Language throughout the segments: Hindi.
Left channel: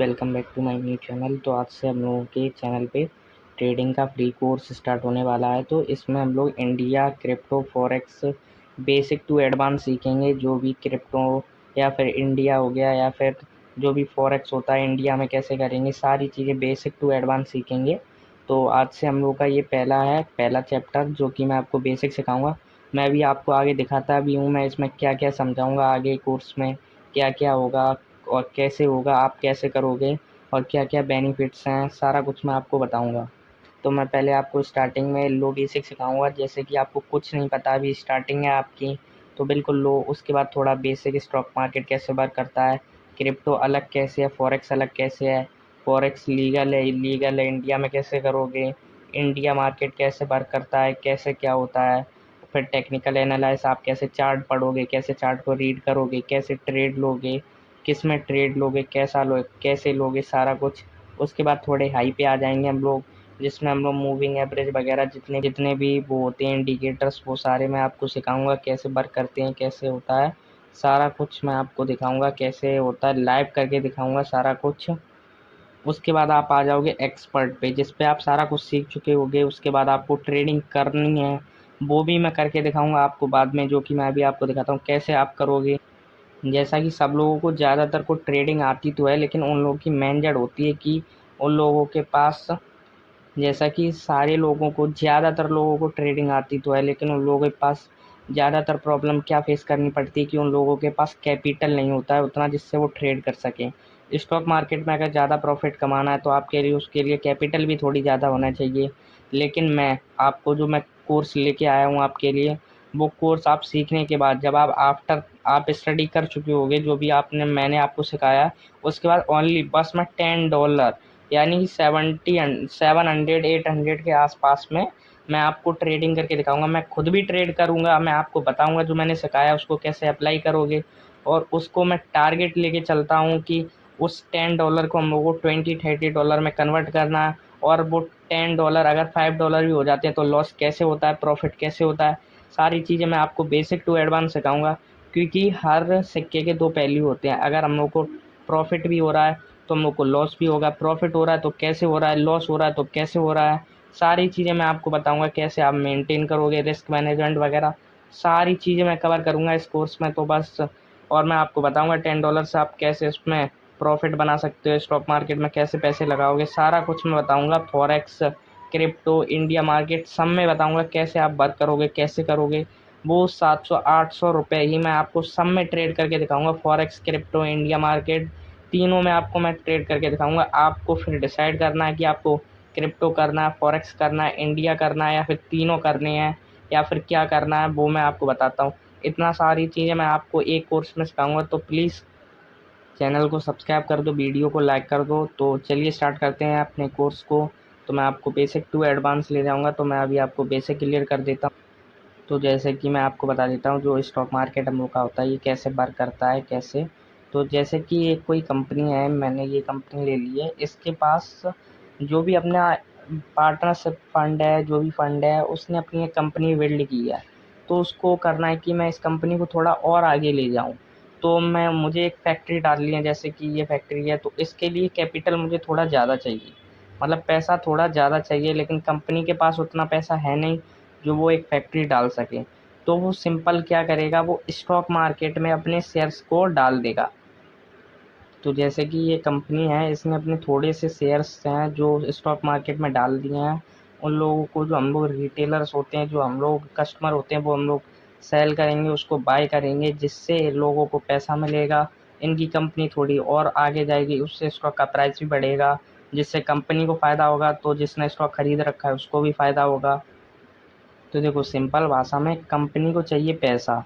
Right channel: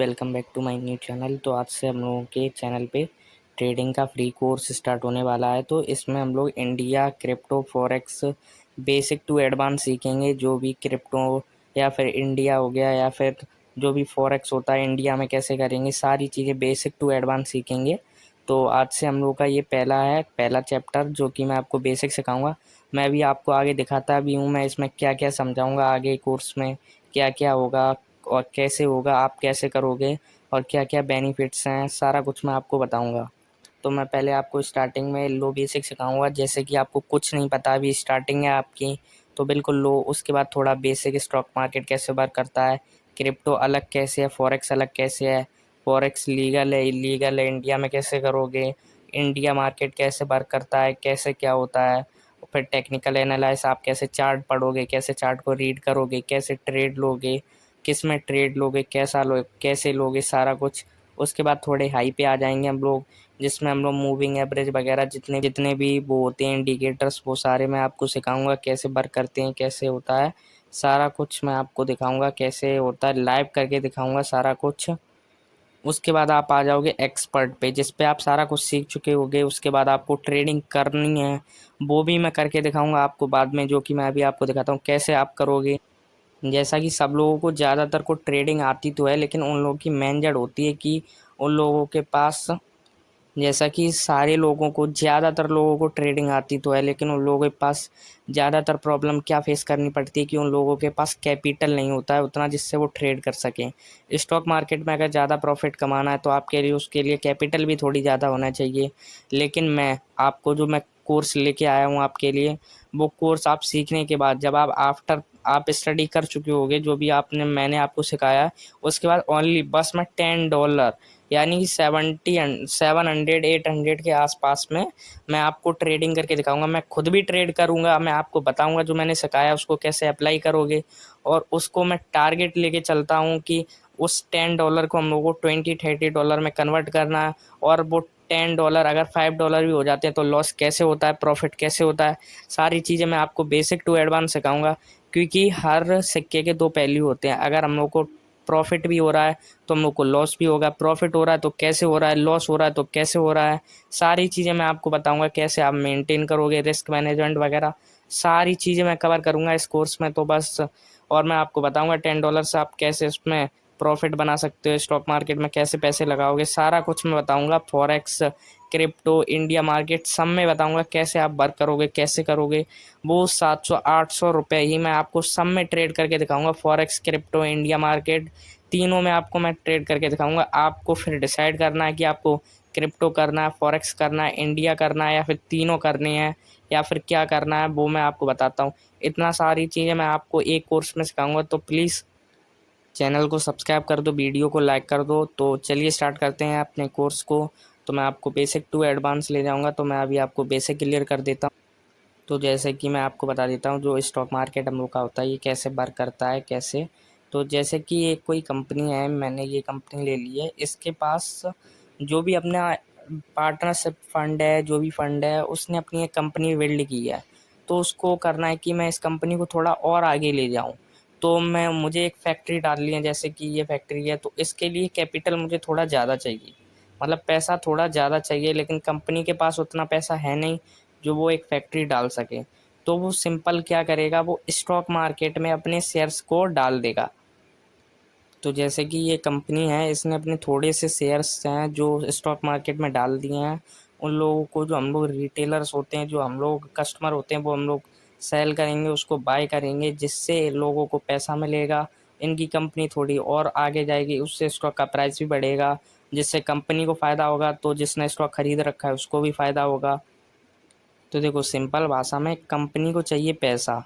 Welcome back to my new channel. तो आज से हम लोगों के चैनल पे ट्रेडिंग का फ्री कोर्स स्टार्ट होने वाला है। तो इसमें हम लोग India crypto forex basic to advance सीखेंगे। जो भी क्रिप्टो या फिर इंडिया हो गया या फिर जो भी फॉरेक्स होता है इंडिया में कैसे करेंगे, सारी चीज़ें बेसिक टू एडवांस सीखेंगे। तो आज से हम लोगों का ये पहला चैप्टर जो कि मैं आपको बेसिक सिखाऊंगा। मैं भी आपको आगे दिखाता भी हूँ मैं इसमें क्या क्या समझाऊंगा, आगे कोर्स में क्या क्या होगा और कैसे होगा, आप कैसे करोगे और क्या क्या बेनिफिट्स हैं, सारा कुछ मैं आपको बताऊंगा। तो मैं पहले आपको स्टार्टिंग में लो बेसिक सिखाऊंगा। जैसे कि आपको कुछ नहीं पता, अभी स्टार्टिंग है आपकी, तो बिल्कुल लो। उसके बाद थोड़ा बेसिक, स्टॉक मार्केट कैसे वर्क करता है, क्रिप्टो अलग कैसे है, फॉरेक्स अलग कैसे है, फॉरेक्स लीगल है इलीगल है, इंडिया में कैसे करोगे, इंडिया मार्केट कैसे वर्क करता है, कैसे क्या होता है, फिर टेक्निकल एनालाइस आप कैसे चार्ट पढ़ोगे, कैसे चार्ट को रीड करोगे, कैसे ट्रेड लोगे, किस में ट्रेड लोगे, कैसे लोगे, सारा कुछ। उसके बाद थोड़े हाई पे आ जाएंगे हम लोग, जिसमें हम लोग मूविंग एवरेज वगैरह जितने जितने भी वो होते हैं इंडिकेटर्स, वो सारे मैं आपको सिखाऊंगा कैसे वर्क करते हैं, कैसे होता है। सारा कुछ मैं आपको दिखाऊंगा कैसे होता है, लाइव करके दिखाऊंगा सारा कुछ। उसके बाद आप आ जाओगे एक्सपर्ट पे, जिस पे आप सारा कुछ सीख चुके होगे। उसके बाद आपको ट्रेडिंग करनी है, वो भी मैं करके दिखाऊंगा आपको बाद में, जो कि मैं अभी आपको दिखाता हूँ कैसे आप करोगे। जैसा कि सब लोगों को ज़्यादातर को ट्रेडिंग आती तो है, लेकिन उन लोगों की मेन जड़ होती है कि उन लोगों के पास, जैसा कि सारे लोगों को, ज़्यादातर लोगों को ट्रेडिंग आती तो है, लेकिन उन लोगों के पास ज़्यादातर प्रॉब्लम क्या फेस करनी पड़ती है कि उन लोगों के पास कैपिटल नहीं होता है उतना जिससे वो ट्रेड कर सकें। स्टॉक मार्केट में अगर ज़्यादा प्रॉफिट कमाना है तो आपके लिए उसके लिए कैपिटल भी थोड़ी ज़्यादा होना चाहिए। लेकिन मैं कोर्स लेके आया हूँ आपके लिए, वो कोर्स आप सीखने के बाद, जब आप स्टडी कर चुके होगे जो भी मैंने आपको सिखाया, उसके बाद ओनली बस मैं $10 यानी कि 700 800 के आसपास में मैं आपको ट्रेडिंग करके दिखाऊंगा। मैं खुद भी ट्रेड करूंगा, मैं आपको बताऊंगा जो मैंने सिखाया उसको कैसे अप्लाई करोगे। और उसको मैं टारगेट लेके चलता हूँ कि उस $10 को हम लोग को $20 30 में कन्वर्ट करना है। और वो $10 अगर $5 भी हो जाते हैं तो लॉस कैसे होता है, प्रॉफिट कैसे होता है, सारी चीज़ें मैं आपको बेसिक टू एडवांस सिखाऊंगा। क्योंकि हर सिक्के के दो पहलू होते हैं। अगर हम लोग को प्रॉफिट भी हो रहा है तो हम लोग को लॉस भी होगा, प्रॉफिट हो रहा है तो कैसे हो रहा है, लॉस हो रहा है तो कैसे हो रहा है, सारी चीज़ें मैं आपको बताऊंगा। कैसे आप मेंटेन करोगे रिस्क मैनेजमेंट वगैरह, सारी चीज़ें मैं कवर करूंगा इस कोर्स में। तो बस, और मैं आपको बताऊंगा $10 से आप कैसे उसमें प्रॉफिट बना सकते हो, स्टॉक मार्केट में कैसे पैसे लगाओगे, सारा कुछ मैं बताऊंगा। फॉरेक्स, क्रिप्टो, इंडिया मार्केट सब में बताऊंगा कैसे आप वर्क करोगे, कैसे करोगे। वो 700 800 रुपये ही मैं आपको सब में ट्रेड करके दिखाऊंगा। फॉरेक्स, क्रिप्टो, इंडिया मार्केट, तीनों में आपको मैं ट्रेड करके दिखाऊंगा। आपको फिर डिसाइड करना है कि आपको क्रिप्टो करना है, फॉरेक्स करना है, इंडिया करना है, या फिर तीनों करने हैं, या फिर क्या करना है, वो मैं आपको बताता हूँ। इतना सारी चीज़ें मैं आपको एक कोर्स में सिखाऊंगा। तो प्लीज़ चैनल को सब्सक्राइब कर दो, वीडियो को लाइक कर दो। तो चलिए स्टार्ट करते हैं अपने कोर्स को। तो मैं आपको बेसिक टू एडवांस ले जाऊंगा, तो मैं अभी आपको बेसिक क्लियर कर देता हूँ। तो जैसे कि मैं आपको बता देता हूँ जो स्टॉक मार्केट हम लोग का होता है ये कैसे वर्क करता है, कैसे। तो जैसे कि एक कोई कंपनी है, मैंने ये कंपनी ले ली है, इसके पास जो भी अपना पार्टनरशिप फंड है, जो भी फंड है, उसने अपनी एक कंपनी बिल्ड की है। तो उसको करना है कि मैं इस कंपनी को थोड़ा और आगे ले जाऊँ। तो मुझे एक फैक्ट्री डालनी है, जैसे कि ये फैक्ट्री है, तो इसके लिए कैपिटल मुझे थोड़ा ज़्यादा चाहिए, मतलब पैसा थोड़ा ज़्यादा चाहिए। लेकिन कंपनी के पास उतना पैसा है नहीं जो वो एक फैक्ट्री डाल सके। तो वो सिंपल क्या करेगा, वो स्टॉक मार्केट में अपने शेयर्स को डाल देगा। तो जैसे कि ये कंपनी है, इसने अपने थोड़े से शेयर्स हैं जो स्टॉक मार्केट में डाल दिए हैं। उन लोगों को, जो हम लोग रिटेलर्स होते हैं, जो हम लोग कस्टमर होते हैं, वो हम लोग सेल करेंगे, उसको बाय करेंगे, जिससे लोगों को पैसा मिलेगा। इनकी कंपनी थोड़ी और आगे जाएगी, उससे स्टॉक का प्राइस भी बढ़ेगा, जिससे कंपनी को फ़ायदा होगा, तो जिसने स्टॉक खरीद रखा है उसको भी फ़ायदा होगा। तो देखो, सिंपल भाषा में कंपनी को चाहिए पैसा,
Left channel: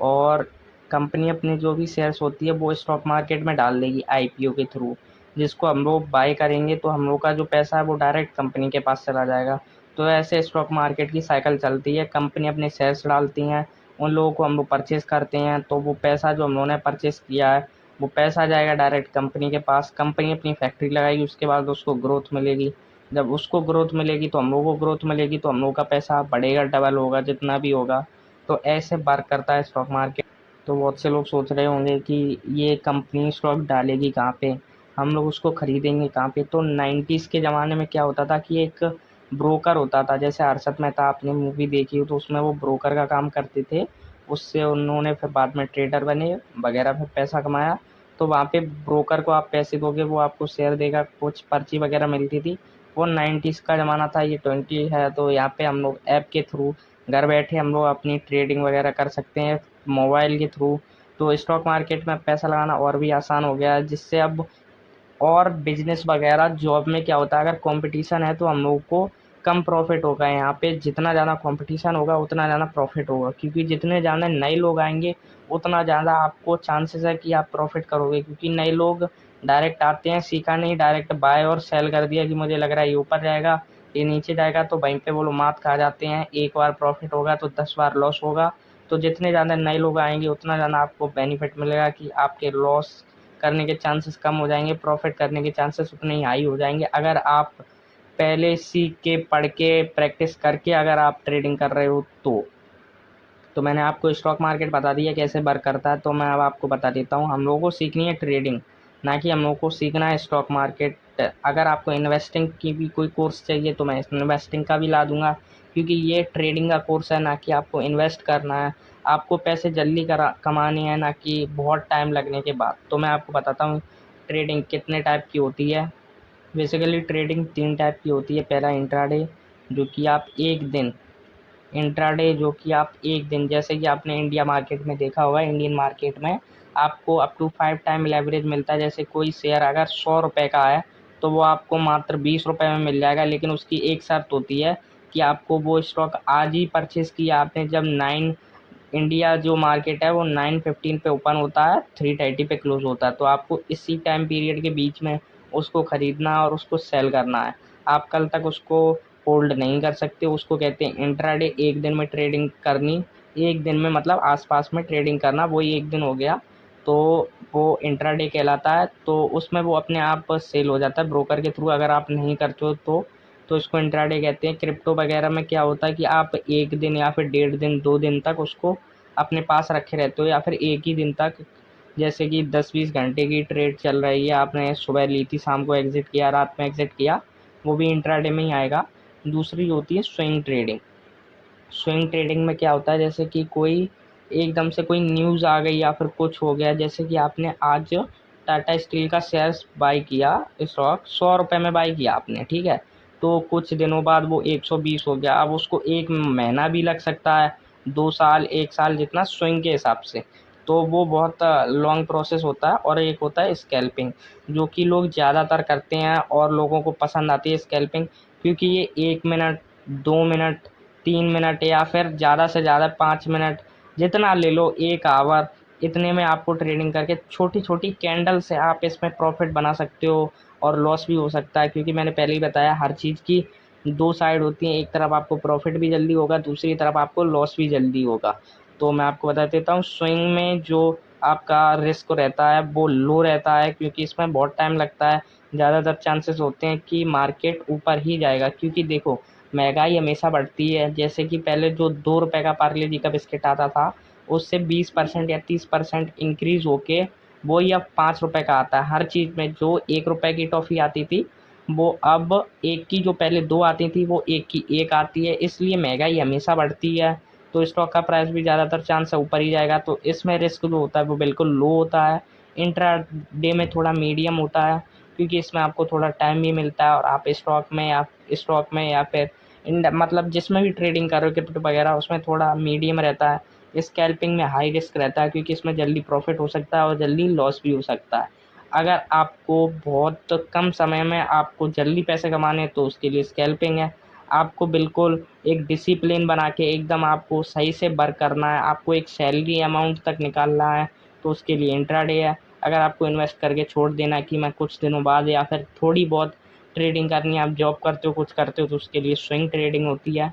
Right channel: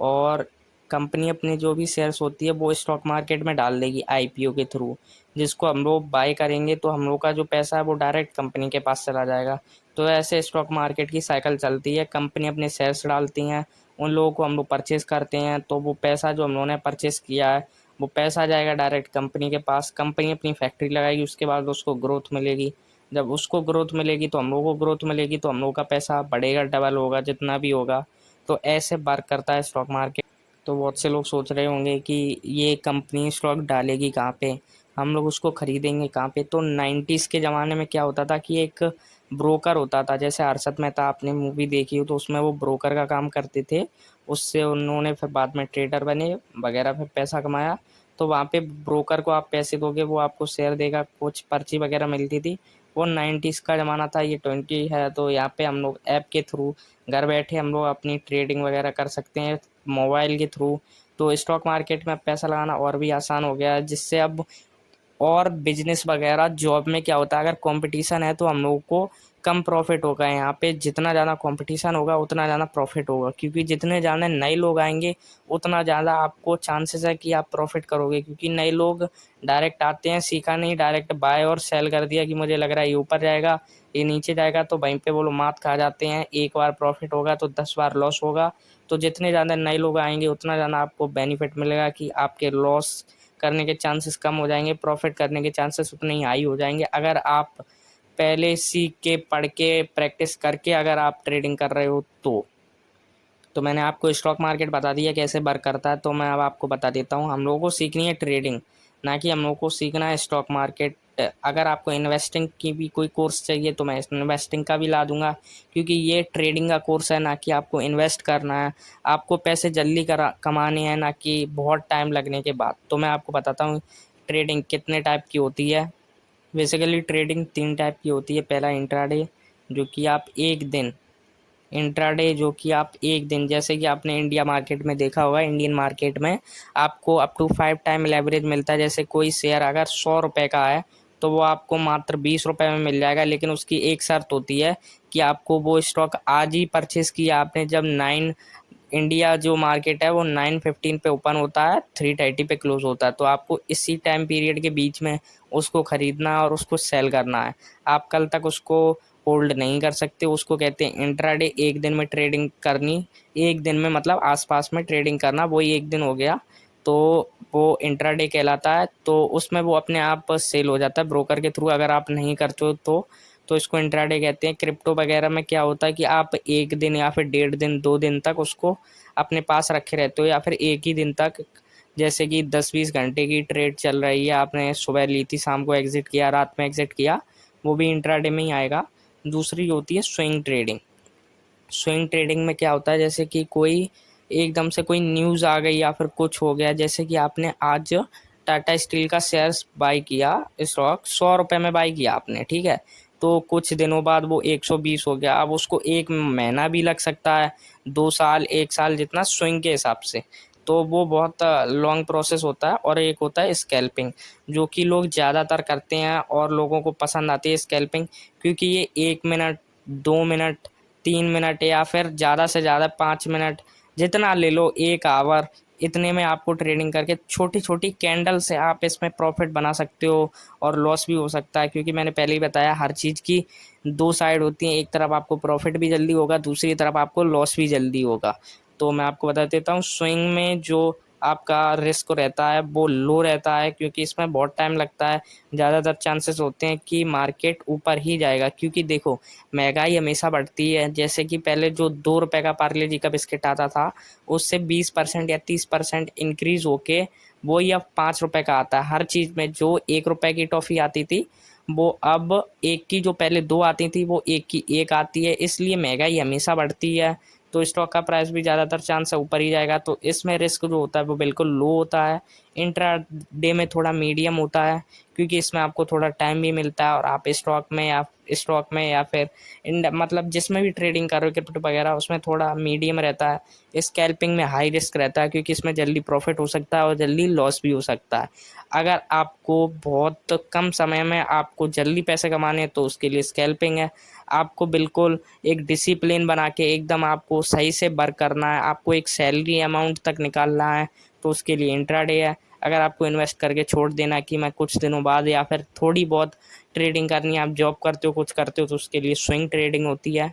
और कंपनी अपने जो भी शेयर्स होती है वो स्टॉक मार्केट में डाल देगी आईपीओ के थ्रू, जिसको हम लोग बाय करेंगे, तो हम लोग का जो पैसा है वो डायरेक्ट कंपनी के पास चला जाएगा। तो ऐसे स्टॉक मार्केट की साइकिल चलती है। कंपनी अपने शेयर्स डालती हैं, उन लोगों को हम लोग परचेज़ करते हैं, तो वो पैसा जो हम लोगों ने परचेज़ किया है वो पैसा जाएगा डायरेक्ट कंपनी के पास। कंपनी अपनी फैक्ट्री लगाएगी, उसके बाद उसको ग्रोथ मिलेगी। जब उसको ग्रोथ मिलेगी तो हम लोगों को ग्रोथ मिलेगी, तो हम लोग का पैसा बढ़ेगा, डबल होगा, जितना भी होगा। तो ऐसे वर्क करता है स्टॉक मार्केट। तो बहुत से लोग सोच रहे होंगे कि ये कंपनी स्टॉक डालेगी कहाँ पे, हम लोग उसको खरीदेंगे कहाँ पे? तो 90s के ज़माने में क्या होता था कि एक ब्रोकर होता था, जैसे हर्षद मेहता आपने मूवी देखी हो तो उसमें वो ब्रोकर का काम करते थे। उससे उन्होंने फिर बाद में ट्रेडर बने वगैरह, फिर पैसा कमाया। तो वहाँ पे ब्रोकर को आप पैसे दोगे, वो आपको शेयर देगा, कुछ पर्ची वगैरह मिलती थी। वो 90s का ज़माना था, ये 20 है। तो यहाँ पे हम लोग ऐप के थ्रू घर बैठे हम लोग अपनी ट्रेडिंग वगैरह कर सकते हैं मोबाइल के थ्रू। तो स्टॉक मार्केट में पैसा लगाना और भी आसान हो गया है, जिससे अब और बिजनेस वगैरह जॉब में क्या होता है, अगर कंपटीशन है तो हम लोगों को कम प्रॉफिट होगा। यहाँ पे जितना ज़्यादा कंपटीशन होगा उतना ज़्यादा प्रॉफिट होगा, क्योंकि जितने ज़्यादा नए लोग आएंगे उतना ज़्यादा आपको चांसेस है कि आप प्रॉफिट करोगे। क्योंकि नए लोग डायरेक्ट आते हैं, सीखा नहीं, डायरेक्ट बाय और सेल कर दिया कि मुझे लग रहा है ये ऊपर जाएगा ये नीचे जाएगा, तो वहीं पे वो लोग मात खा जाते हैं। एक बार प्रॉफिट होगा तो 10 बार लॉस होगा। तो जितने ज़्यादा नए लोग आएंगे उतना ज़्यादा आपको बेनिफिट मिलेगा कि आपके लॉस करने के चांसेस कम हो जाएंगे, प्रॉफिट करने के चांसेस उतने ही हाई हो जाएंगे। अगर आप पहले सीख के पढ़ के प्रैक्टिस करके अगर आप ट्रेडिंग कर रहे हो तो मैंने आपको स्टॉक मार्केट बता दिया कैसे वर्क करता है। तो मैं अब आपको बता देता हूँ, हम लोगों को सीखनी है ट्रेडिंग, ना कि हम लोगों को सीखना है स्टॉक मार्केट। अगर आपको इन्वेस्टिंग की भी कोई कोर्स चाहिए तो मैं इन्वेस्टिंग का भी ला दूंगा, क्योंकि ये ट्रेडिंग का कोर्स है, ना कि आपको इन्वेस्ट करना है। आपको पैसे जल्दी कमाने हैं, ना कि बहुत टाइम लगने के बाद। तो मैं आपको बताता हूँ ट्रेडिंग कितने टाइप की होती है। बेसिकली ट्रेडिंग 3 टाइप की होती है। पहला इंट्राडे, जो कि आप एक दिन, इंट्राडे जो कि आप एक दिन, जैसे कि आपने इंडिया मार्केट में देखा होगा, इंडियन मार्केट में आपको अप टू 5 टाइम लेवरेज मिलता है। जैसे कोई शेयर अगर 100 रुपये का है तो वो आपको मात्र 20 रुपये में मिल जाएगा, लेकिन उसकी एक शर्त होती है कि आपको वो स्टॉक आज ही परचेस किया आपने, जब 9 इंडिया जो मार्केट है वो 9:15 पे ओपन होता है, 3:30 पे क्लोज होता है। तो आपको इसी टाइम पीरियड के बीच में उसको खरीदना और उसको सेल करना है। आप कल तक उसको होल्ड नहीं कर सकते। उसको कहते हैं इंट्राडे, एक दिन में ट्रेडिंग करनी। एक दिन में मतलब आसपास में ट्रेडिंग करना, वही एक दिन हो गया। तो वो इंट्राडे कहलाता है। तो उसमें वो अपने आप सेल हो जाता है ब्रोकर के थ्रू, अगर आप नहीं करते हो तो इसको इंट्राडे कहते हैं। क्रिप्टो वगैरह में क्या होता है कि आप एक दिन या फिर 1.5 दिन 2 दिन तक उसको अपने पास रखे रहते हो, या फिर एक ही दिन तक। जैसे कि 10-20 घंटे की ट्रेड चल रही है, आपने सुबह ली थी, शाम को एग्जिट किया, रात में एग्जिट किया, वो भी इंट्राडे में ही आएगा। दूसरी होती है स्विंग ट्रेडिंग। स्विंग ट्रेडिंग में क्या होता है, जैसे कि कोई एकदम से कोई न्यूज़ आ गई या फिर कुछ हो गया, जैसे कि आपने आज टाटा स्टील का शेयर्स बाई किया, स्टॉक 100 रुपये में बाई किया आपने, ठीक है। तो कुछ दिनों बाद वो 120 हो गया। अब उसको 1 महीना भी लग सकता है, 2 साल, 1 साल, जितना स्विंग के हिसाब से। तो वो बहुत लॉन्ग प्रोसेस होता है। और एक होता है स्कैल्पिंग, जो कि लोग ज़्यादातर करते हैं और लोगों को पसंद आती है स्कैल्पिंग, क्योंकि ये 1 मिनट, 2 मिनट, 3 मिनट या फिर ज़्यादा से ज़्यादा 5 मिनट, जितना ले लो, 1 आवर, इतने में आपको ट्रेडिंग करके छोटी छोटी कैंडल से आप इसमें प्रॉफिट बना सकते हो। और लॉस भी हो सकता है, क्योंकि मैंने पहले ही बताया हर चीज़ की 2 साइड होती हैं। एक तरफ आपको प्रॉफिट भी जल्दी होगा, दूसरी तरफ आपको लॉस भी जल्दी होगा। तो मैं आपको बता देता हूँ, स्विंग में जो आपका रिस्क रहता है वो लो रहता है, क्योंकि इसमें बहुत टाइम लगता है। ज़्यादातर चांसेस होते हैं कि मार्केट ऊपर ही जाएगा, क्योंकि देखो महंगाई हमेशा बढ़ती है। जैसे कि पहले जो 2 रुपए का पार्ले जी का बिस्किट आता था, उससे 20% या 30% इंक्रीज होके वही अब 5 रुपए का आता है। हर चीज़ में जो 1 रुपए की टॉफ़ी आती थी, वो अब एक की, जो पहले दो आती थी वो एक की एक आती है। इसलिए महंगाई हमेशा बढ़ती है, तो स्टॉक का प्राइस भी ज़्यादातर चांस है ऊपर ही जाएगा। तो इसमें रिस्क जो होता है वो बिल्कुल लो होता है। इंट्रा डे में थोड़ा मीडियम होता है, क्योंकि इसमें आपको थोड़ा टाइम भी मिलता है, और आप स्टॉक में या फिर मतलब जिसमें भी ट्रेडिंग कर रहे हो, क्रिप्टो वगैरह, उसमें थोड़ा मीडियम रहता है। स्कैल्पिंग में हाई रिस्क रहता है, क्योंकि इसमें जल्दी प्रॉफिट हो सकता है और जल्दी लॉस भी हो सकता है। अगर आपको बहुत कम समय में आपको जल्दी पैसे कमाने हैं तो उसके लिए स्कैल्पिंग है। आपको बिल्कुल एक डिसिप्लिन बना के एकदम आपको सही से वर्क करना है, आपको एक सैलरी अमाउंट तक निकालना है, तो उसके लिए इंट्राडे है। अगर आपको इन्वेस्ट करके छोड़ देना है कि मैं कुछ दिनों बाद या फिर थोड़ी बहुत ट्रेडिंग करनी है, आप जॉब करते हो, कुछ करते हो, तो उसके लिए स्विंग ट्रेडिंग होती है।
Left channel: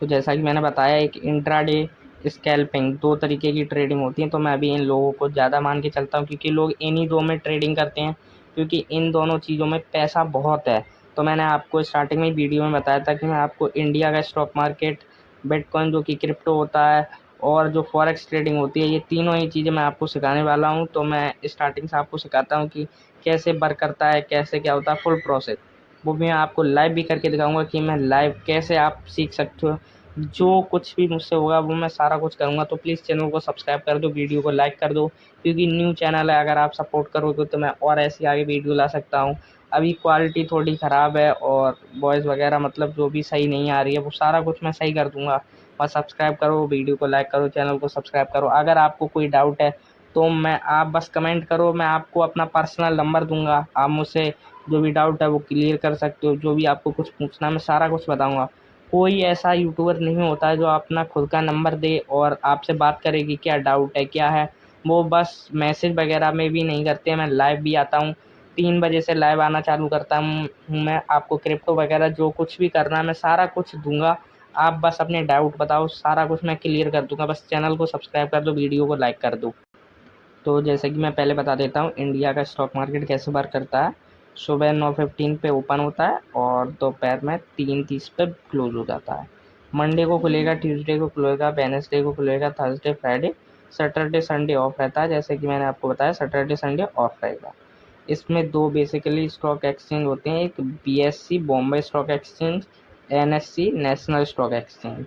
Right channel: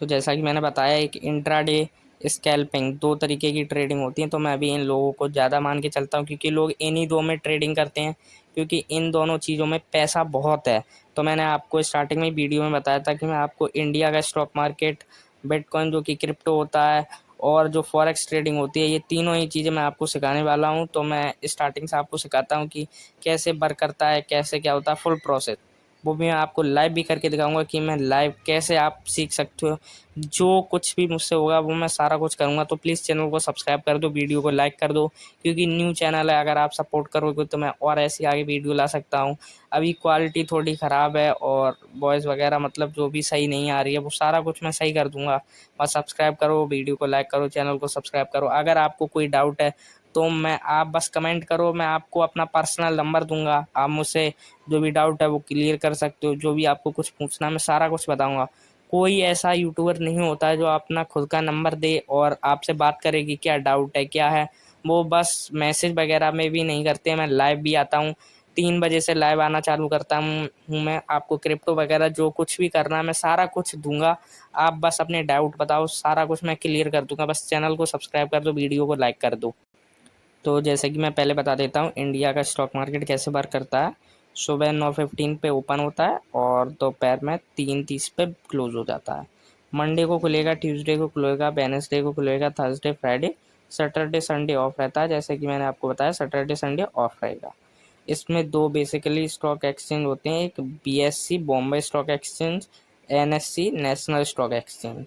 तो जैसा कि मैंने बताया, एक इंट्राडे, स्कैल्पिंग, 2 तरीके की ट्रेडिंग होती है। तो मैं अभी इन लोगों को ज़्यादा मान के चलता हूँ, क्योंकि लोग इन्हीं दो में ट्रेडिंग करते हैं, क्योंकि इन दोनों चीज़ों में पैसा बहुत है। तो मैंने आपको स्टार्टिंग में वीडियो में बताया था कि मैं आपको इंडिया का स्टॉक मार्केट, बिटकॉइन जो कि क्रिप्टो होता है, और जो फॉरेक्स ट्रेडिंग होती है, ये तीनों ही चीज़ें मैं आपको सिखाने वाला हूँ। तो मैं स्टार्टिंग से आपको सिखाता हूँ कि कैसे वर्क करता है, कैसे क्या होता है, फुल प्रोसेस। वो भी मैं आपको लाइव भी करके दिखाऊंगा कि मैं लाइव कैसे आप सीख सकते हो। जो कुछ भी मुझसे होगा वो मैं सारा कुछ करूँगा। तो प्लीज़ चैनल को सब्सक्राइब कर दो, वीडियो को लाइक कर दो, क्योंकि न्यू चैनल है। अगर आप सपोर्ट करोगे तो मैं और ऐसी आगे वीडियो ला सकता हूँ। अभी क्वालिटी थोड़ी ख़राब है और वॉइस वगैरह मतलब जो भी सही नहीं आ रही है, वो सारा कुछ मैं सही कर दूँगा। बस सब्सक्राइब करो, वीडियो को लाइक करो, चैनल को सब्सक्राइब करो। अगर आपको कोई डाउट है तो आप बस कमेंट करो, मैं आपको अपना पर्सनल नंबर दूँगा। आप मुझसे जो भी डाउट है वो क्लियर कर सकते हो। जो भी आपको कुछ पूछना है मैं सारा कुछ बताऊँगा। कोई ऐसा यूट्यूबर नहीं होता है जो अपना खुद का नंबर दे और आपसे बात करे कि क्या डाउट है, क्या है। वो बस मैसेज वगैरह में भी नहीं करते। मैं लाइव भी आता हूँ, 3 बजे से लाइव आना चालू करता हूँ मैं। आपको क्रिप्टो वगैरह जो कुछ भी करना है मैं सारा कुछ दूँगा। आप बस अपने डाउट बताओ, सारा कुछ मैं क्लियर कर दूँगा। बस चैनल को सब्सक्राइब कर दो, वीडियो को लाइक कर दो। तो जैसे कि मैं पहले बता देता हूँ इंडिया का स्टॉक मार्केट कैसे वर्क करता है। सुबह 9:15 पे ओपन होता है और दोपहर में 3:30 पे क्लोज हो जाता है। मंडे को खुलेगा, ट्यूसडे को खुलेगा, वेडनेसडे को खुलेगा, Thursday, Friday, Saturday, Sunday off रहता है। जैसे कि मैंने आपको बताया सैटरडे संडे ऑफ रहेगा। इसमें दो बेसिकली स्टॉक एक्सचेंज होते हैं, एक BSc Bombay stock exchange, NSC national stock exchange.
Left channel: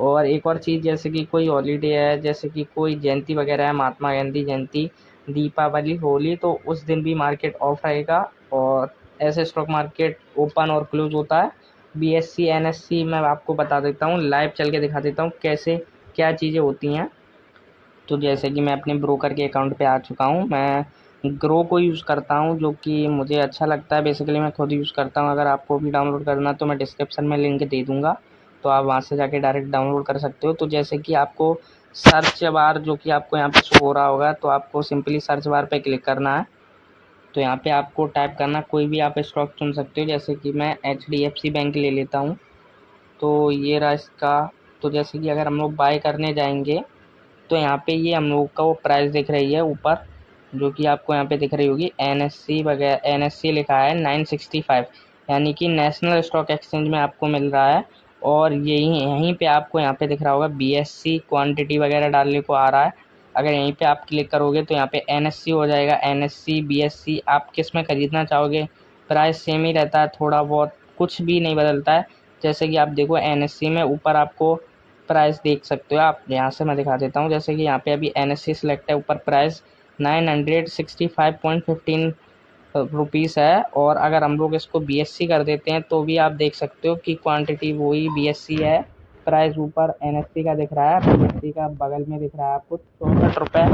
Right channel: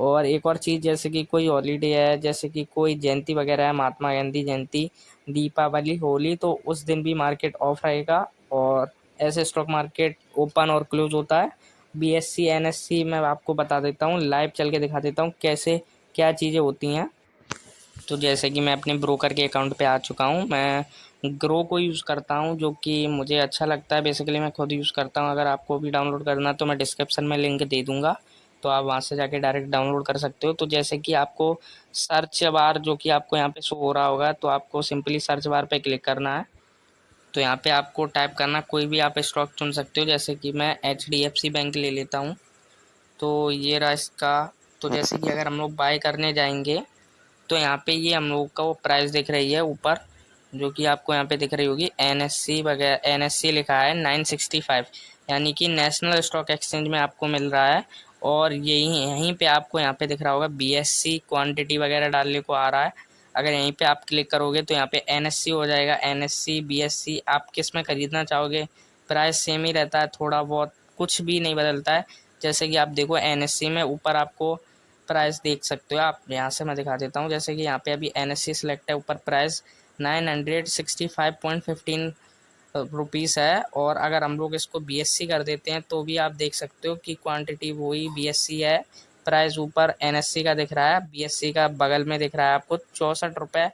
और एक और चीज़, जैसे कि कोई हॉलीडे है, जैसे कि कोई जयंती वगैरह है, महात्मा गांधी जयंती, दीपावली, होली, तो उस दिन भी मार्केट ऑफ रहेगा और ऐसे स्टॉक मार्केट ओपन और क्लोज होता है। बीएससी एनएससी मैं आपको बता देता हूँ, लाइव चल के दिखा देता हूँ कैसे क्या चीज़ें होती हैं। तो जैसे कि मैं अपने ब्रोकर के अकाउंट पे आ चुका हूँ। मैं ग्रो को यूज़ करता हूँ जो कि मुझे अच्छा लगता है। बेसिकली मैं खुद यूज़ करता हूँ। अगर आपको भी डाउनलोड करना है तो मैं डिस्क्रिप्शन में लिंक दे दूँगा, तो आप वहाँ से जाके डायरेक्ट डाउनलोड कर सकते हो। तो जैसे कि आपको सर्च बार जो कि आपको यहाँ पे शो हो रहा होगा, तो आपको सिंपली सर्च बार पे क्लिक करना है। तो यहाँ पे आपको टाइप करना, कोई भी आप स्टॉक चुन सकते हो। जैसे कि मैं एचडीएफसी बैंक ले लेता हूँ, तो ये रहा इसका। तो जैसे कि अगर हम लोग बाय करने जाएंगे तो यहाँ पे ये हम लोग का वो प्राइस दिख रही है ऊपर, जो कि आपको यहाँ पे दिख रही होगी, एनएससी वगैरह, एनएससी लिखा है 965, यानी कि नेशनल स्टॉक एक्सचेंज में आपको मिल रहा है। और यही यहीं पे आपको यहाँ पे दिख रहा होगा बीएससी, क्वांटिटी वगैरह डालने को आ रहा है। अगर यहीं पे आप क्लिक करोगे तो यहाँ पे एनएससी हो जाएगा। एनएससी बीएससी आप किस में ख़रीदना चाहोगे, प्राइस सेम ही रहता है, थोड़ा बहुत कुछ भी नहीं बदलता है। जैसे कि आप देखो एनएससी में ऊपर आपको प्राइस देख सकते हो। आप यहाँ से मैं दिखा देता हूँ, जैसे कि यहाँ पे अभी एनएससी सेलेक्ट है, ऊपर प्राइस 965.15 रुपीज़ है। और अगर हम लोग इसको बीएससी कर देते हैं तो भी आप देख सकते हो कि क्वांटिटी वही बीएससी है, प्राइस ऊपर एनएससी का दिख रहा है, बीएससी का बगल में दिख रहा है आपको 64 रुपये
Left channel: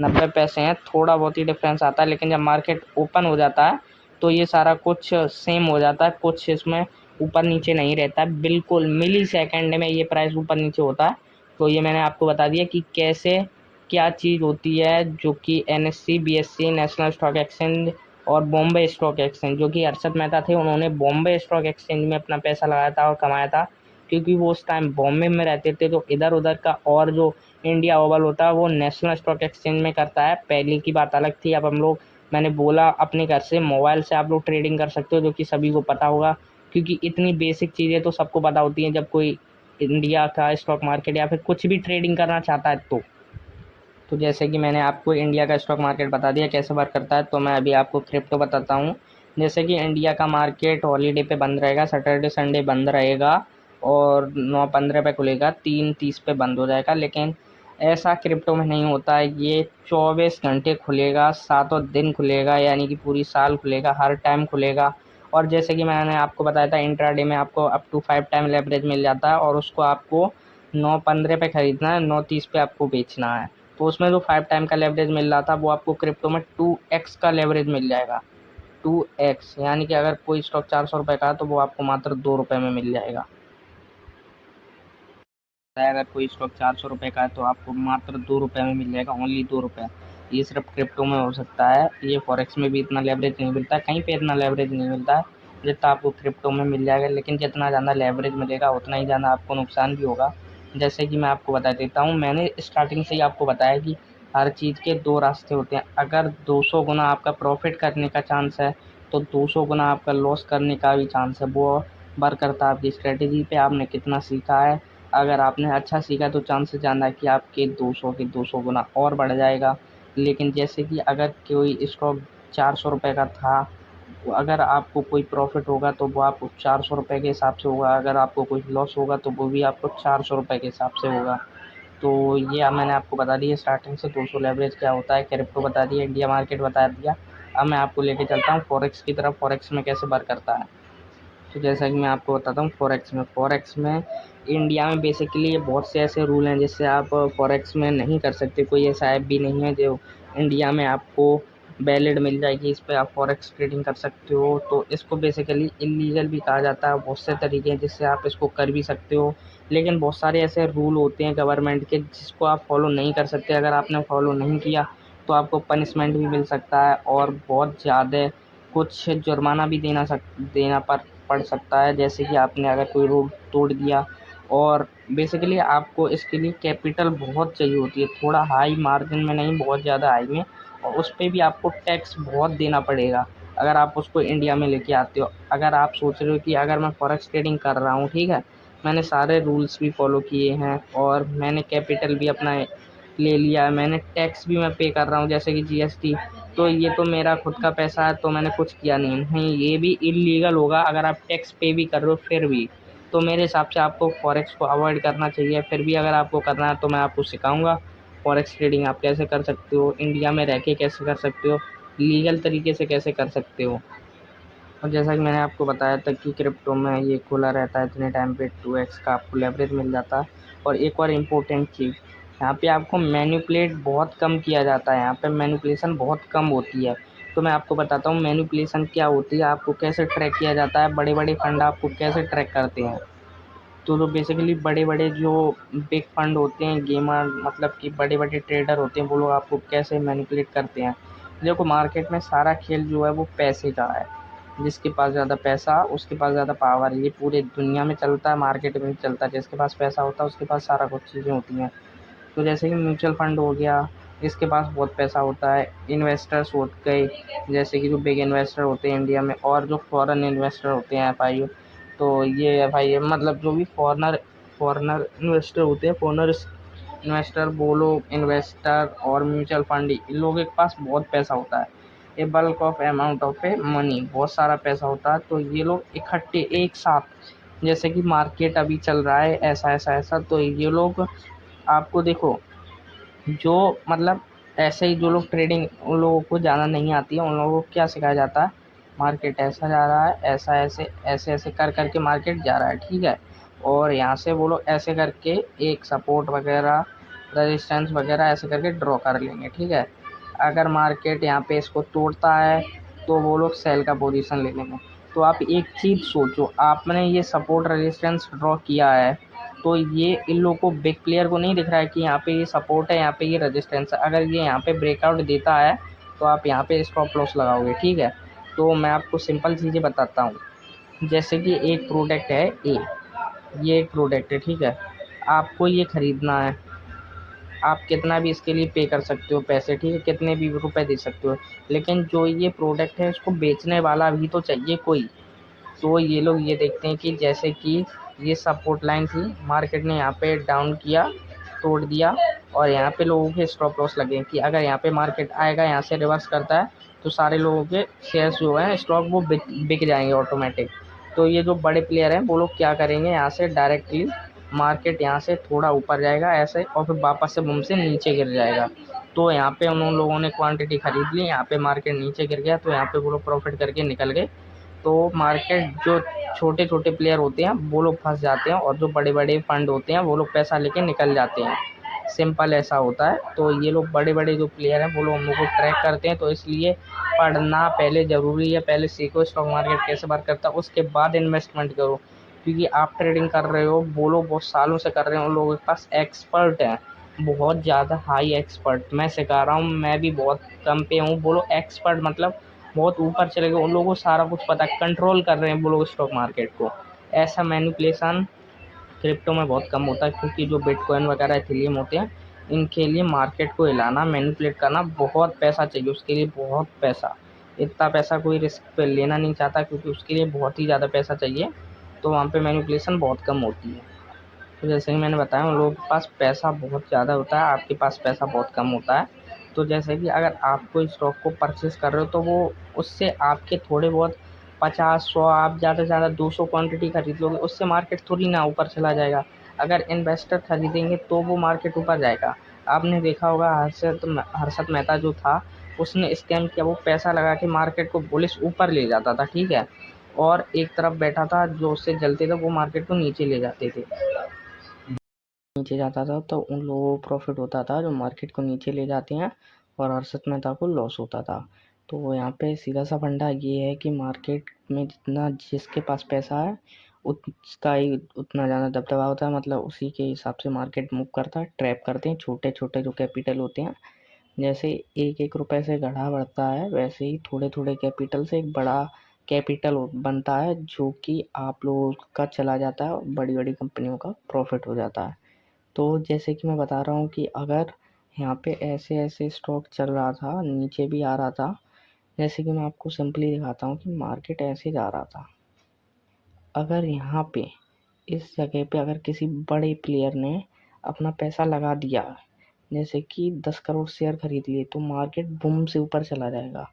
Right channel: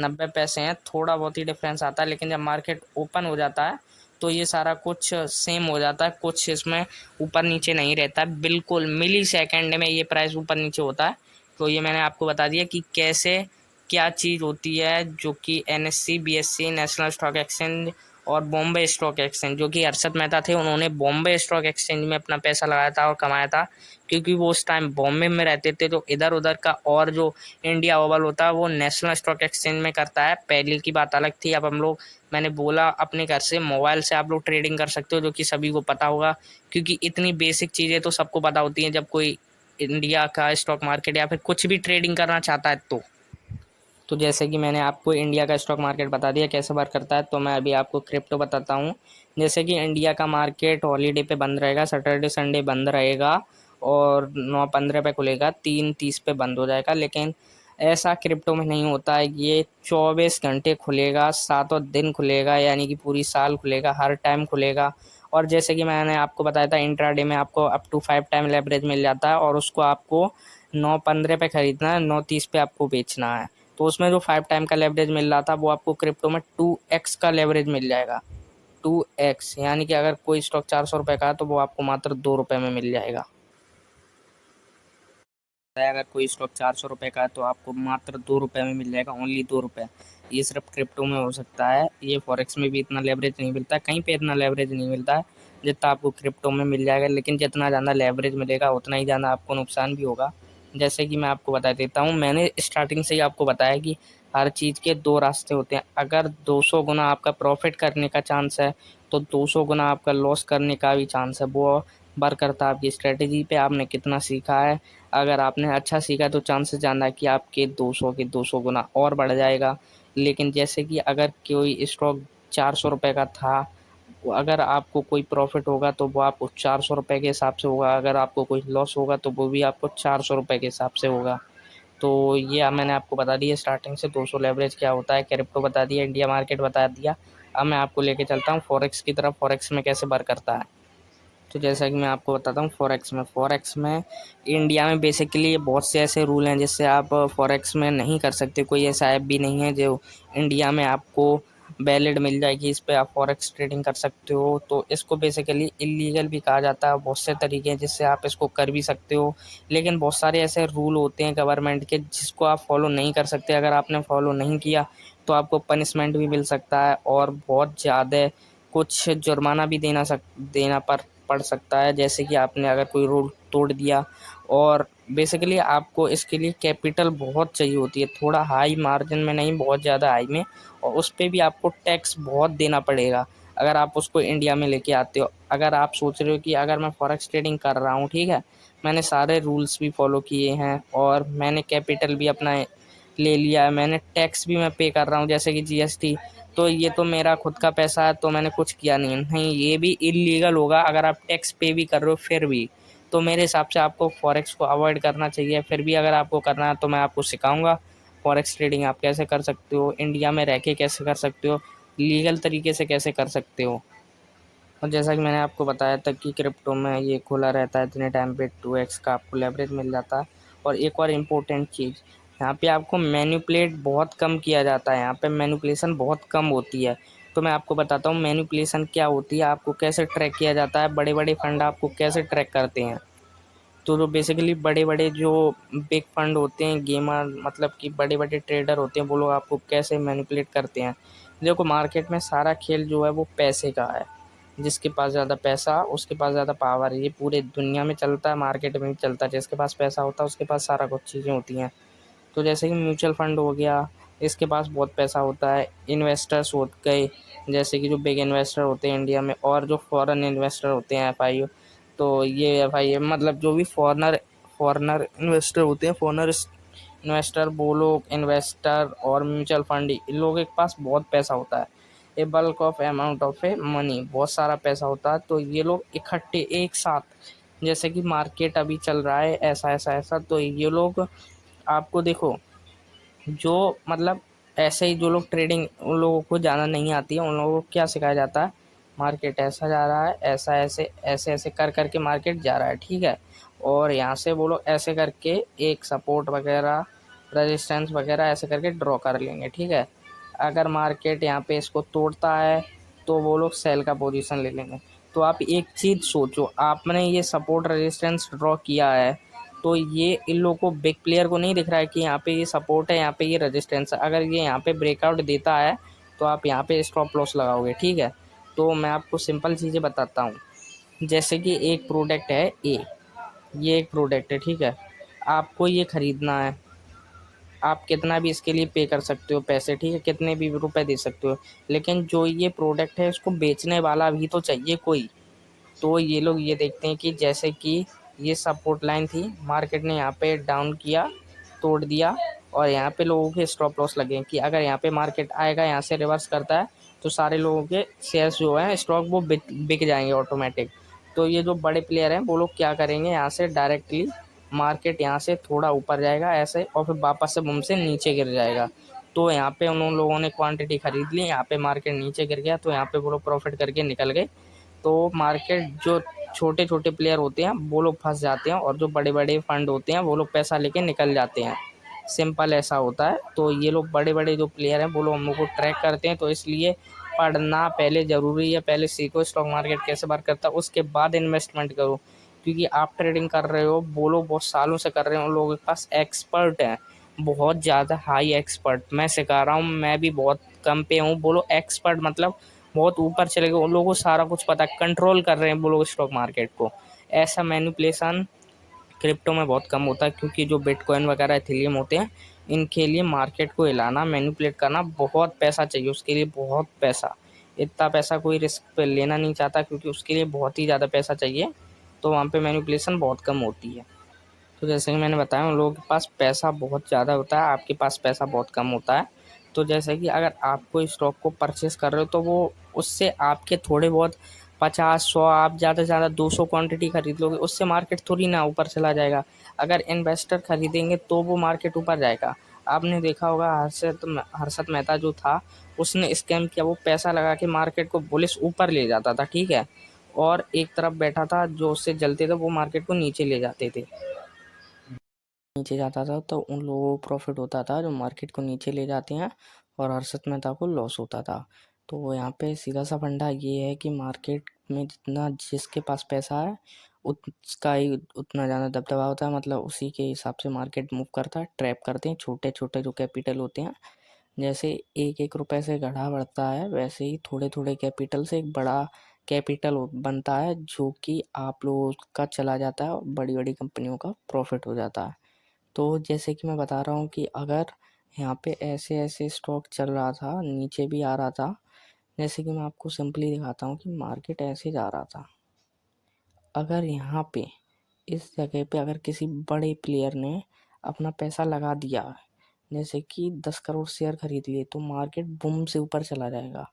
90 पैसे हैं। थोड़ा बहुत ही डिफरेंस आता है, लेकिन जब मार्केट ओपन हो जाता है तो ये सारा कुछ सेम हो जाता है। कुछ इसमें ऊपर नीचे नहीं रहता है, बिल्कुल मिली सेकेंड में ये प्राइस ऊपर नीचे होता है। तो ये मैंने आपको बता दिया कि कैसे क्या चीज़ होती है, जो कि NSC BSc national stock exchange और बॉम्बे स्टॉक एक्सचेंज, जो कि हर्षद मेहता थे, उन्होंने बॉम्बे स्टॉक एक्सचेंज में अपना पैसा लगाया था और कमाया था, क्योंकि वो उस टाइम बॉम्बे में रहते थे। तो इधर उधर का और जो इंडिया ओवल होता है वो नेशनल स्टॉक एक्सचेंज में करता है। पहले की बात अलग थी। अब हम लोग, मैंने बोला, अपने घर से मोबाइल से आप लोग ट्रेडिंग कर सकते हो, जो कि सभी को पता होगा, क्योंकि इतनी बेसिक चीज़ें तो सबको पता होती हैं जब कोई इंडिया का स्टॉक मार्केट या फिर कुछ भी ट्रेडिंग करना चाहता है तो जैसे कि मैंने आपको इंडिया का स्टॉक मार्केट बता दिया कैसे वर्क करता है, तो मैं अभी आपको क्रिप्टो बताता हूँ। जैसे कि इंडिया का मार्केट हॉलीडे पे बंद रहेगा, सैटरडे संडे बंद रहेगा और 9:15 पे खुलेगा, 3:30 पे बंद हो जाएगा। लेकिन ऐसा क्रिप्टो में नहीं होता है। ये 24 घंटे खुलेगा, सातों दिन खुलेगा, यानी कि पूरी साल खुलेगा, हर टाइम खुलेगा। और जैसे कि मैंने आपको बताया था इंट्राडे में आपको अप टू 5 टाइम लेवरेज मिल जाता है, और उसको आपको 9:15 पे ख़रीदना है, 9:30 पे आपको बेचना है। तो उसमें जो 5 टाइम का लेवरेज मिल रहा था वो आपको क्रिप्टो में 2x का लेवरेज मिल जाएगा। 2x यानी कि अगर कोई स्टॉक 400 रुपये का है तो वो आपको मात्र 2 रुपये में मिल जाएगा। अगर कोई स्टॉक 400 रुपये का है तो आपको मात्र 2 रुपये में मिल जाएगा, ओनली 2 रुपये। ये सिर्फ क्रिप्टो में हो सकता है, ये फॉरेक्स में भी इतना लेवरेज नहीं मिलता, कहीं पे इतना लेवरेज नहीं मिलता जितना आपको क्रिप्टो में मिल जाएगा। लेकिन जितना ज़्यादा लेवरेज मिलेगा उतना ही ज़्यादा आपको नुकसान भी होगा। जैसे कि मैं आपको बता देता हूँ, मैंने स्टार्टिंग से ही आपको बताया कि हर चीज़ के दो रास्ते होते हैं। अगर 200 गुना आपका प्रॉफिट करने का चांस है तो 200 गुना आपका लॉस करने का भी चांस है। वो वर्क करता है आपकी स्ट्रेटेजी पे, आपने कितना सीखा है। अगर आपने अच्छा सीखा तो चांसेस ज़्यादा कि आपके 200 के 200 गुना और बढ़ जाएगा। लेकिन जैसे कि अगर कोई स्टॉक 400 रुपये का था, अगर आपको कोई प्रॉफिट होगा तो वो आपको 400 रुपये के हिसाब से होगा, अगर आपको कोई लॉस होगा तो वो भी आपको 400 रुपये के हिसाब से होगा। तो ये मैंने आपको बता दिया स्टार्टिंग से 200 लेवरेज क्या होता है, क्रिप्टो बता दिया, इंडिया मार्केट बता दिया। अब मैं आपको लेके चलता हूँ फॉरेक्स की तरफ, फॉरेक्स में कैसे वर्क करता है। तो जैसा कि मैं आपको बताता हूँ फॉरेक्स में इंडिया में बेसिकली बहुत से ऐसे रूल हैं जिससे आप फॉरेक्स में नहीं कर सकते। कोई ऐसा ऐप भी नहीं है जो इंडिया में आपको वैलिड मिल जाएगी, इस पे आप फॉरेक्स ट्रेडिंग कर सकते हो। तो इसको बेसिकली इलीगल भी कहा जाता है। बहुत से तरीके हैं जिससे आप इसको कर भी सकते हो, लेकिन बहुत सारे ऐसे रूल होते हैं गवर्नमेंट के जिसको आप फॉलो नहीं कर सकते। अगर आपने फॉलो नहीं किया तो आपको पनिशमेंट भी मिल सकता है, और बहुत ज़्यादा कुछ जुर्माना भी देना पड़ सकता है। जैसे कि आपने अगर कोई रूल तोड़ दिया, और बेसिकली आपको इसके लिए कैपिटल बहुत चाहिए होती है, थोड़ा हाई मार्जिन में नहीं, बहुत ज़्यादा हाई में। और उस पर भी आपको टैक्स बहुत देना पड़ेगा अगर आप उसको इंडिया में लेके आते हो। अगर आप सोच रहे हो कि अगर मैं फॉरेक्स ट्रेडिंग कर रहा हूँ, ठीक है, मैंने सारे रूल्स भी फॉलो किए हैं और मैंने कैपिटल भी अपना ले लिया है, मैंने टैक्स भी मैं पे कर रहा हूँ जैसे कि जीएसटी, तो ये तो मेरा खुद का पैसा है, तो मैंने कुछ किया नहीं, ये भी इलीगल होगा अगर आप टैक्स पे भी कर रहे हो फिर भी। तो मेरे हिसाब से आपको फॉरेक्स को अवॉइड करना चाहिए। फिर भी अगर आपको करना है तो मैं आपको सिखाऊंगा फॉरेक्स ट्रेडिंग आप कैसे कर सकते हो, इंडिया में रह के कैसे कर सकते हो, लीगल तरीके से कैसे कर सकते हो। और जैसा कि मैंने आपको बताया था कि क्रिप्टो में ये खुला रहता है, इतने टाइम पे 2x का आपको लेवरेज मिल जाता है। और एक और इम्पोर्टेंट चीज़, यहाँ पे आपको मैनिपुलेट बहुत कम किया जाता है, यहाँ पे मैनिपुलेशन बहुत कम होती है। तो मैं आपको बताता हूँ मैनिपुलेशन क्या होती है, आपको कैसे ट्रैक किया जाता है, बड़े बड़े फंड आपको कैसे ट्रैक करते हैं। तो जो बेसिकली बड़े बड़े जो बिग फंड होते हैं, गेमर मतलब कि बड़े बड़े ट्रेडर होते हैं, वो लोग आपको कैसे मैनिपुलेट करते हैं। देखो मार्केट में सारा खेल जो है वो पैसे का है, जिसके पास ज़्यादा पैसा उसके पास ज़्यादा पावर है। ये पूरे दुनिया में चलता है, मार्केट में भी चलता है, जिसके पास पैसा होता है उसके पास सारा कुछ चीज़ें होती हैं। तो जैसे कि म्यूचुअल फंड हो गया, इसके पास बहुत पैसा होता है। इन्वेस्टर्स हो गए, जैसे कि जो बिग इन्वेस्टर होते हैं इंडिया में, और जो फॉरेन इन्वेस्टर होते हैं एफआई, तो ये एफआई मतलब जो भी फॉरनर फॉरनर इन्वेस्टर होते हैं, फॉरनर इन्वेस्टर, वो लोग इन्वेस्टर और म्यूचुअल फंड, इन लोगों के पास बहुत पैसा होता है। A bulk of amount of a money, बहुत सारा पैसा होता है। तो ये लोग इकट्ठे एक साथ, जैसे कि मार्केट अभी चल रहा है ऐसा ऐसा ऐसा, तो ये लोग आपको देखो, जो मतलब ऐसे ही जो लोग ट्रेडिंग, उन लोगों को ज़्यादा नहीं आती है, उन लोगों को क्या सिखाया जाता है, मार्केट ऐसा जा रहा है, ऐसा ऐसे ऐसे ऐसे कर करके मार्केट जा रहा है, ठीक है। और यहाँ से वो लोग ऐसे करके एक सपोर्ट वगैरह, रेजिस्टेंस वगैरह ऐसे करके ड्रॉ कर लेंगे, ठीक है। अगर मार्केट यहाँ पे इसको तोड़ता है तो वो लोग सेल का पोजीशन ले लेंगे। तो आप एक चीज़ सोचो, आपने ये सपोर्ट रेजिस्टेंस ड्रॉ किया है, तो ये इन लोगों को, बिग प्लेयर को नहीं दिख रहा है कि यहाँ पे ये सपोर्ट है, यहाँ पे ये रेजिस्टेंस है। अगर ये यहाँ पे ब्रेकआउट देता है तो आप यहाँ पे स्टॉप लॉस लगाओगे, ठीक है। तो मैं आपको सिंपल चीज़ें बताता हूँ। जैसे कि एक प्रोडक्ट है ए, ये एक प्रोडक्ट है, ठीक है, आपको ये ख़रीदना है, आप कितना भी इसके लिए पे कर सकते हो पैसे, ठीक है, कितने भी रुपए दे सकते हो। लेकिन जो ये प्रोडक्ट है उसको बेचने वाला भी तो चाहिए कोई। तो ये लोग ये देखते हैं कि जैसे कि ये सपोर्ट लाइन थी, मार्केट ने यहाँ पे डाउन किया, तोड़ दिया, और यहाँ पे लोगों के स्टॉप लॉस लगे कि अगर यहाँ पे मार्केट आएगा, यहाँ से रिवर्स करता है, तो सारे लोगों के शेयर्स जो है स्टॉक वो बिक जाएंगे ऑटोमेटिक। तो ये जो बड़े प्लेयर हैं वो लोग क्या करेंगे, यहाँ से डायरेक्टली मार्केट यहाँ से थोड़ा ऊपर जाएगा ऐसे, और फिर वापस से बूम से नीचे गिर जाएगा। तो यहाँ पे उन लोगों ने क्वांटिटी खरीद ली, यहाँ पे मार्केट नीचे गिर गया, तो यहाँ पे वो लोग प्रॉफिट करके निकल गए। तो मार्केट जो छोटे छोटे प्लेयर होते हैं वो लोग फंस जाते हैं, और जो बड़े बड़े फंड होते हैं वो लोग पैसा लेके निकल जाते हैं। सिंपल ऐसा होता है। तो ये लोग बड़े बड़े जो प्लेयर हैं वो लोग हम लोग को ट्रैक करते हैं, तो इसलिए पढ़ना पहले ज़रूरी है। पहले सीखो स्टॉक मार्केट कैसे वर्क करता है, उसके बाद इन्वेस्टमेंट करो। क्योंकि आप ट्रेडिंग कर रहे हो, वो लोग बहुत सालों से कर रहे हैं, उन लोगों के पास एक्सपर्ट हैं, बहुत ज़्यादा हाई एक्सपर्ट। मैं सिखा रहा हूँ, मैं भी बहुत कम पे हूँ, वो लोग एक्सपर्ट मतलब बहुत ऊपर चले गए, उन लोगों को सारा कुछ पता है, कंट्रोल कर रहे हैं वो लोग स्टॉक मार्केट को। ऐसा मैनिपुलेशन क्रिप्टो में बहुत कम होता है, क्योंकि जो बिटकॉइन वगैरह एथेरियम होते हैं, इनके लिए मार्केट को हिलाना, मैनिपुलेट करना बहुत पैसा चाहिए, उसके लिए बहुत पैसा। इतना पैसा कोई रिस्क पे लेना नहीं चाहता, क्योंकि उसके लिए बहुत ही ज़्यादा पैसा चाहिए। तो वहाँ पे मैनिपुलेशन बहुत कम होती है। तो जैसे कि मैंने बताया उन लोगों के पास पैसा बहुत ज़्यादा होता है, आपके पास पैसा बहुत कम होता है। तो जैसे कि अगर आप कोई स्टॉक को परचेस कर रहे हो तो वो उससे आपके थोड़े बहुत 50-100 आप ज़्यादा से ज़्यादा 200 क्वांटिटी खरीद लोगे, उससे मार्केट थोड़ी ना ऊपर चला जाएगा। अगर इन्वेस्टर खरीदेंगे तो वो मार्केट ऊपर जाएगा। आपने देखा होगा हर्षद मेहता जो था उसने स्कैम किया, वो पैसा लगा के मार्केट को बुलिश ऊपर ले जाता था, ठीक है, और एक तरफ बैठा था जो उससे जलते थे वो मार्केट को नीचे ले जाते थे। नीचे जाता था तो उन लोगों को प्रॉफिट होता था जो मार्केट को नीचे ले जाते हैं, और हर्षद मेहता को लॉस होता था। तो यहाँ पे सीधा सा फंडा ये है कि मार्केट में जितना जिसके पास पैसा है उसका ही उतना ज़्यादा दबदबा होता है, मतलब उसी के हिसाब से मार्केट मूव करता है। ट्रैप करते हैं छोटे छोटे जो कैपिटल होते हैं, जैसे एक एक रुपए से घड़ा बढ़ता है वैसे ही थोड़े थोड़े कैपिटल से एक बड़ा कैपिटल बनता है, जो कि आप लोगों का चला जाता है और बड़ी बड़ी कंपनियों का प्रॉफिट हो जाता है। तो जैसे कि मैं बता रहा हूँ कि अगर यहाँ पे ऐसे ऐसे स्टॉक चल रहा था, नीचे भी आ रहा था, जैसे कि मैं आपको सिंपली दिखाता हूँ कि मार्केट ऐसे जा रहा था। अगर यहाँ पे इस जगह पे अगर किसी बड़े प्लेयर ने अपना पैसा लगा दिया, जैसे कि 10 करोड़ शेयर खरीद लिए, तो मार्केट बूम से ऊपर चला जाएगा,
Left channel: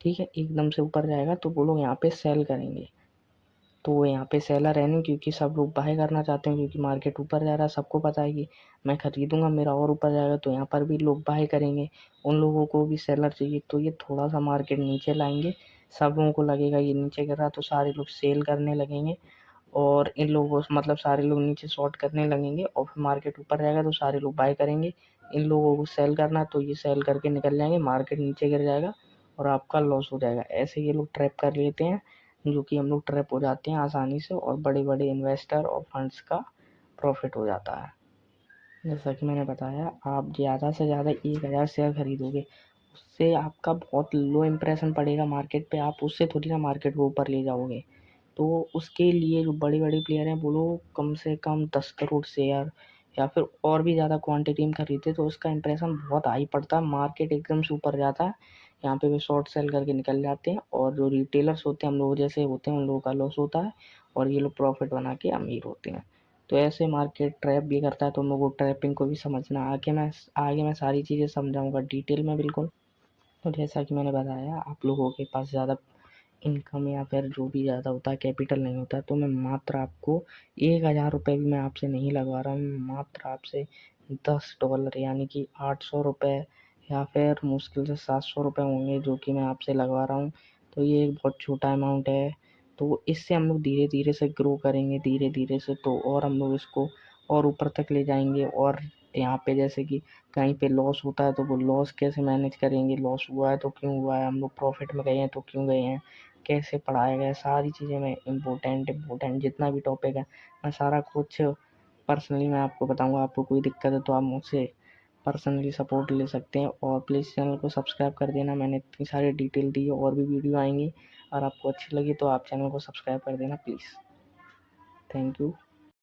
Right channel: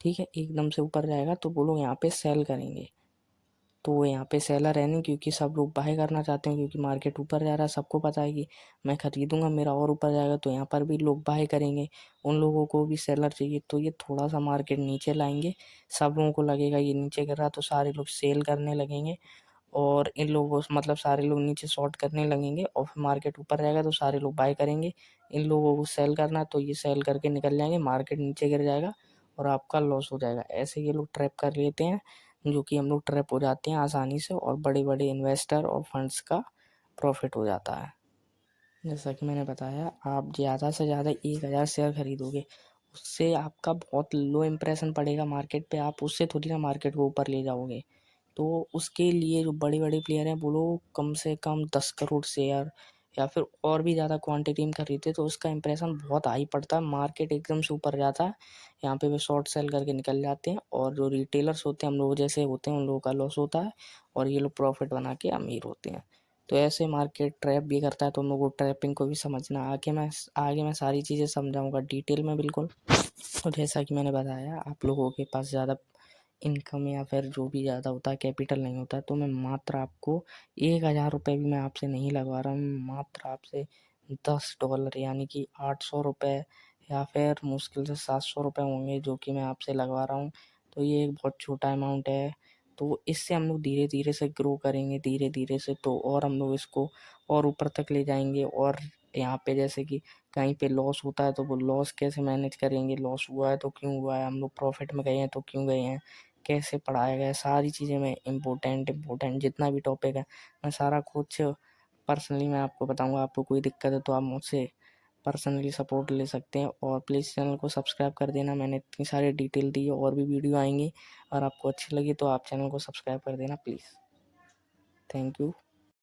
ठीक है, एकदम से ऊपर जाएगा। तो वो लोग यहाँ पे सेल करेंगे, तो वो यहाँ पे सेलर है नहीं, क्योंकि सब लोग बाय करना चाहते हैं, क्योंकि मार्केट ऊपर जा रहा है, सबको पता है कि मैं खरीदूंगा मेरा और ऊपर जाएगा, तो यहाँ पर भी लोग बाय करेंगे। उन लोगों को भी सेलर चाहिए, तो ये थोड़ा सा मार्केट नीचे लाएंगे। सब लोगों को लगेगा ये नीचे गिर रहा, तो सारे लोग सेल करने लगेंगे, और इन लोगों से मतलब सारे लोग नीचे शॉर्ट करने लगेंगे, और फिर मार्केट ऊपर जाएगा तो सारे लोग बाय करेंगे। इन लोगों को सेल करना, तो ये सेल करके निकल जाएंगे, मार्केट नीचे गिर जाएगा और आपका लॉस हो जाएगा। ऐसे ये लोग ट्रैप कर लेते हैं, जो कि हम लोग ट्रैप हो जाते हैं आसानी से, और बड़े बड़े इन्वेस्टर और फंड्स का प्रॉफिट हो जाता है। जैसा कि मैंने बताया, आप ज़्यादा से ज़्यादा 1000 शेयर खरीदोगे, उससे आपका बहुत लो इम्प्रेशन पड़ेगा मार्केट पे, आप उससे थोड़ी ना मार्केट को ऊपर ले जाओगे। तो उसके लिए जो बड़े बड़े प्लेयर हैं वो लोग कम से कम 10 करोड़ शेयर या फिर और भी ज़्यादा क्वांटिटी में खरीदते, तो उसका इंप्रेशन बहुत हाई पड़ता है, मार्केट एकदम से ऊपर जाता है। यहाँ पे वे शॉर्ट सेल करके निकल जाते हैं, और जो रिटेलर्स होते हैं हम लोग जैसे होते हैं उन लोगों का लॉस होता है, और ये लोग प्रॉफिट बना के अमीर होते हैं। तो ऐसे मार्केट ट्रैप भी करता है, तो हम लोग को ट्रैपिंग को भी समझना। आगे मैं सारी चीज़ें समझाऊंगा डिटेल में बिल्कुल। तो जैसा कि मैंने बताया, आप लोगों के पास ज़्यादा इनकम या फिर जो भी ज़्यादा होता है कैपिटल नहीं होता है, तो मैं मात्र आपको 1000 रुपये भी मैं आपसे नहीं लगवा रहा हूँ, मात्र आपसे $10 यानी कि 800 रुपये या फिर मुश्किल से 700 रुपये होंगे जो कि मैं आपसे लगवा रहा हूँ। तो ये एक बहुत छोटा अमाउंट है। तो इससे हम लोग धीरे धीरे से ग्रो करेंगे, धीरे धीरे से, तो और हम लोग इसको और ऊपर तक ले जाएंगे। और यहाँ पे जैसे कि कहीं पे लॉस होता है तो वो लॉस कैसे मैनेज करेंगे, लॉस हुआ है तो क्यों हुआ है, हम लोग प्रॉफिट में गए हैं तो क्यों गए हैं, कैसे पढ़ाया गया, सारी चीज़ें मैं इम्पोर्टेंट जितना भी टॉपिक है मैं सारा कुछ पर्सनली मैं आपको बताऊंगा। आपको कोई दिक्कत है तो आप मुझसे पर्सनली सपोर्ट ले सकते हैं, और प्लीज़ चैनल को सब्सक्राइब कर देना। मैंने इतनी सारी डिटेल दी है, और भी वीडियो आएंगी, और आपको अच्छी लगी तो आप चैनल को सब्सक्राइब कर देना प्लीज़। Thank you.